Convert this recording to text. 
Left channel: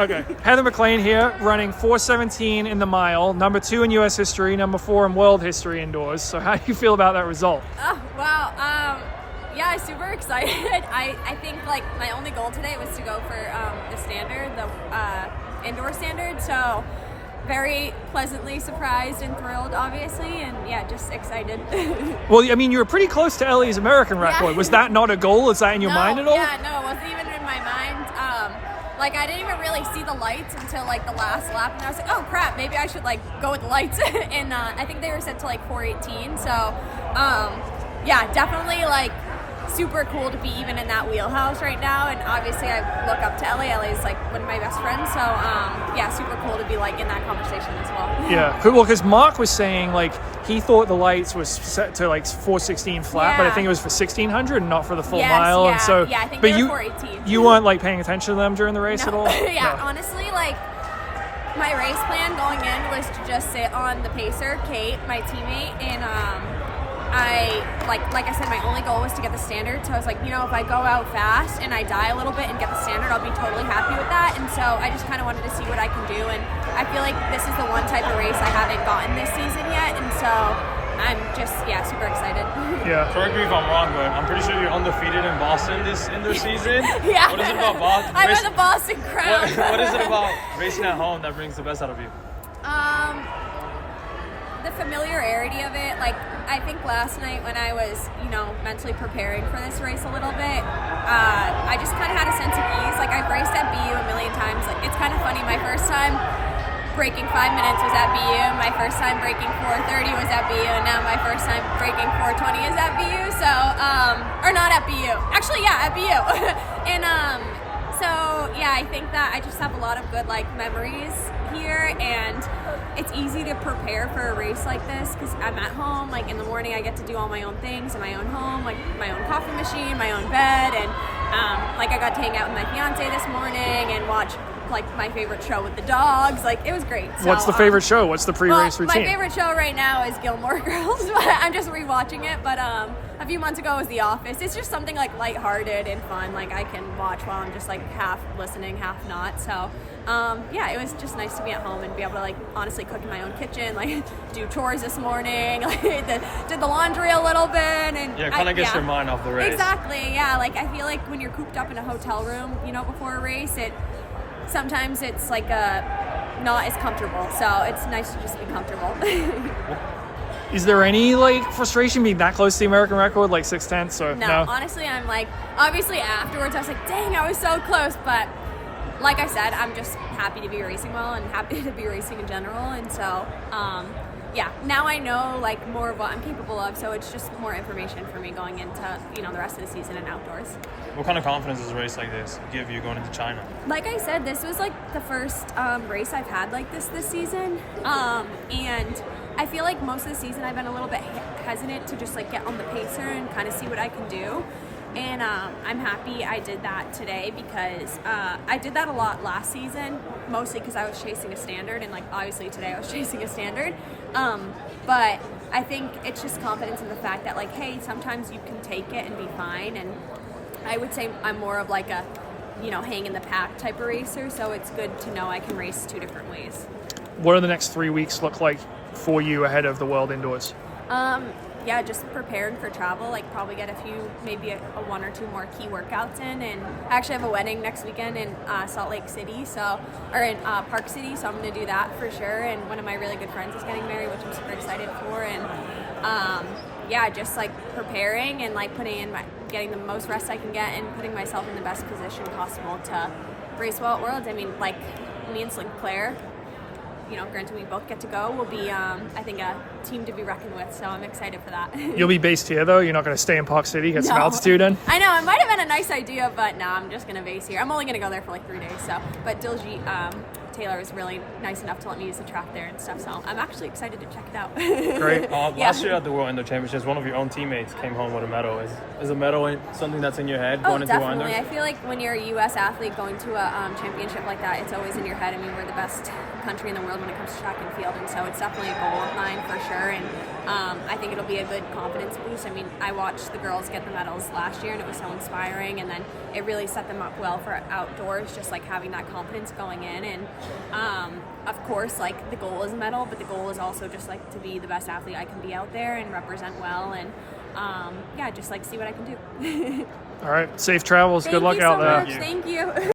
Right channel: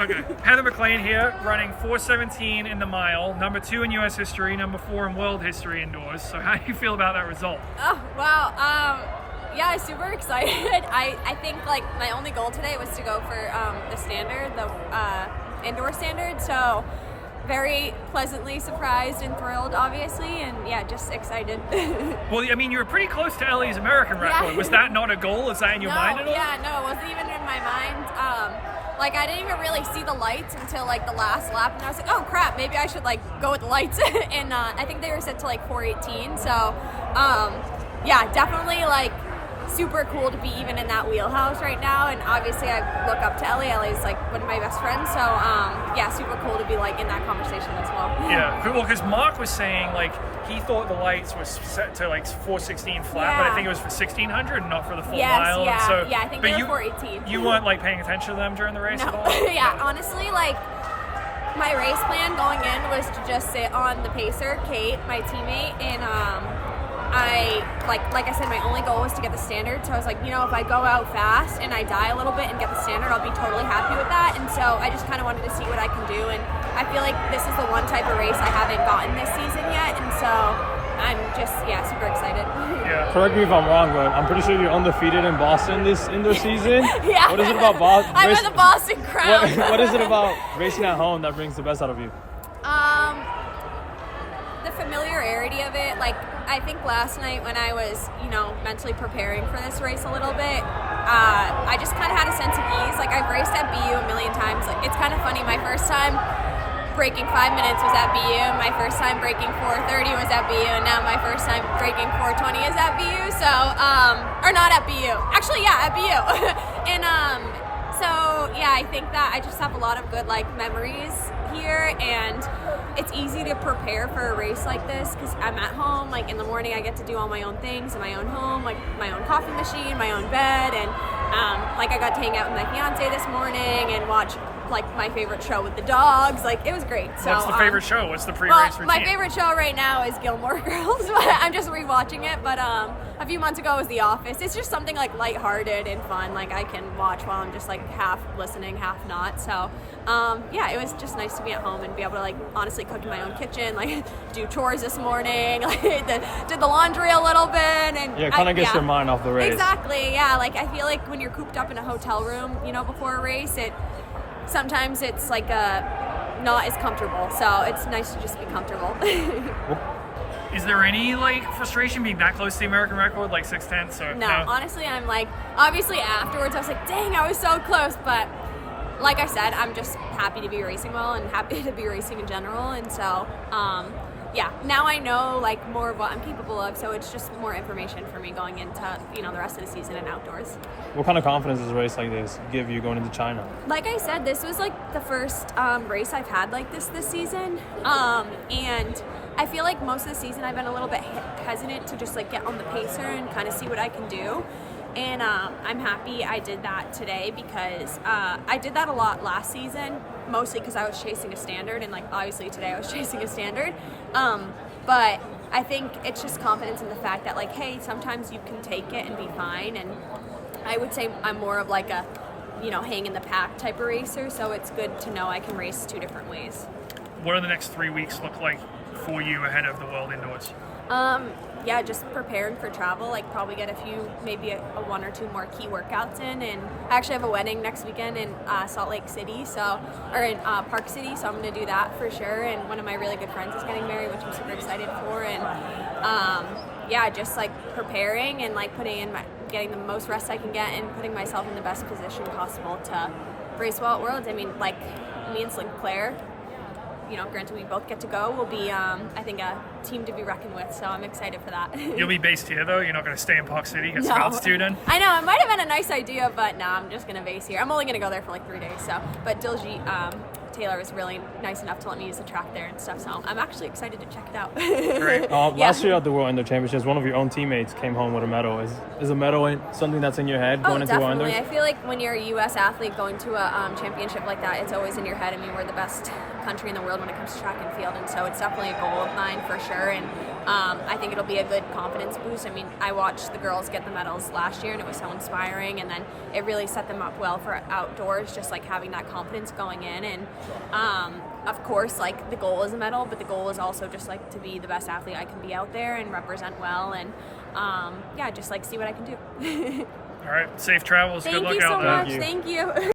Okay, Heather MacLean here, running 4:17 in the mile, number 2 in U.S. history, number 4 in world history indoors. So how do you feel about that result? Oh, wow. Yeah, super excited. I think like my only goal today was to go for the standard, the indoor standard. So very pleasantly surprised and thrilled, obviously, and yeah, just excited. Well, I mean, you were pretty close to Ellie's American record. Yeah. Was that not a goal? Is that in your mind at all? Yeah, no, it wasn't even in my mind. Like I didn't even really see the lights until like the last lap, and I was like, oh crap, maybe I should like go with the lights. And I think they were set to like 4:18. So yeah, definitely like super cool to be even in that wheelhouse right now. And obviously I look up to Ellie. Ellie's like one of my best friends. So yeah, super cool to be like in that conversation as well. Yeah, well, because Mark was saying like he thought the lights was set to like 4:16 flat, but I think it was for 1600, not for the full mile. Yeah, and so, yeah, I think they were 4:18. You weren't like paying attention to them during the race at all? Yeah, honestly, like my race plan going in was to just sit on the pacer, Kate, my teammate, and I like I said, my only goal was to get the standard. So I was like, you know, if I go out fast and I die a little bit and get the standard, I'll be totally happy with that. And so I just kind of wanted to see what I can do. And I feel like this is the one type of race I haven't gotten this season yet. And so I'm just, yeah, super excited. Yeah. Correct me if I'm wrong, but I'm pretty sure you're undefeated in Boston this season. Yeah. What is it about Boston? I'm at the Boston crown. What is it about racing at home that brings the best out of you? The familiarity of it. Like I think last night when I was, you know, mentally preparing for this race a little bit, I just kind of had a sense of ease. Like I've raced at BU a million times. Like it's kind of funny. My first time breaking 5 minutes was at BU. My first time breaking 4:30 was at BU, and now my first time breaking 4:20 is at BU. So, or not at BU. Actually, yeah, at BU. And so yeah, I think that I just have a lot of good like memories here, and it's easy to prepare for a race like this because I'm at home. Like in the morning, I get to do all my own things in my own home, like my own coffee machine, my own bed, and like I got to hang out with my fiance this morning and watch like my favorite show with the dogs. Like it was great. So, what's the favorite show? What's the pre-race routine? My favorite show right now is Gilmore Girls. I'm just rewatching it, but a few months ago was The Office. It's just something like lighthearted and fun. Like I can watch while I'm just like half listening, half not. So yeah, it was just nice to be at home and be able to like honestly cook in my own kitchen, like do chores this morning, like did the laundry a little bit, and yeah, kind of gets your mind off the race. Exactly. Yeah, like I feel like when you're cooped up in a hotel room, you know, before a race, sometimes it's like not as comfortable. So it's nice to just be comfortable. Is there any like frustration being that close to the American record, like 6/10? Or no, honestly, I'm like, obviously afterwards I was like, dang, I was so close. But like I said, I'm just happy to be racing well and happy to be racing in general. And so yeah, now I know like more of what I'm capable of. So it's just more information for me going into, you know, the rest of the season and outdoors. What kind of confidence does a race like this give you going into China? Like I said, this was like the first race I've had like this season. And I feel like most of the season I've been a little bit hesitant to just like get on the pacer and kind of see what I can do. And I'm happy I did that today because I did that a lot last season, mostly because I was chasing a standard, and like obviously today I was chasing a standard. But I think it's just confidence in the fact that like, hey, sometimes you can take it and be fine. And I would say I'm more of like a, you know, hang in the pack type of racer. So it's good to know I can race two different ways. What do the next 3 weeks look like for you ahead of the World Indoors? Yeah, just preparing for travel, like probably get a few, maybe a 1 or 2 more key workouts in. And I actually have a wedding next weekend in Salt Lake City, or in Park City, so I'm going to do that for sure. And one of my really good friends is getting married, which I'm super excited for. And yeah, just like preparing and like getting the most rest I can get and putting myself in the best position possible to race well at Worlds. I mean, like me and Sinclair, you know, granted we both get to go, will be, I think, a team to be reckoned with. So I'm excited for that. You'll be based here, though? You're not going to stay in Park City, get some No. altitude in? I know, it might have been a nice idea, but no, I'm just going to base here. I'm only going to go there for like 3 days. So, but Diljit Taylor was really nice enough to let me use the track there and stuff. So I'm actually excited to check it out. Great. Last year at the World Indoor Championships, one of your own teammates came home with a medal. Is a medal something that's in your head going Oh, into World definitely. Indoors? I feel like when you're a U.S. athlete going to a championship like that, it's always in your head. I mean, we're the best country in the world when it comes to track and field, and so it's definitely a goal of mine for sure. And I think it'll be a good confidence boost. I mean, I watched the girls get the medals last year, and it was so inspiring, and then it really set them up well for outdoors, just like having that confidence going in. And of course, like, the goal is a medal, but the goal is also just like to be the best athlete I can be out there and represent well, and just like see what I can do. All right, safe travels. Thank Good luck you so out there. much. Thank you.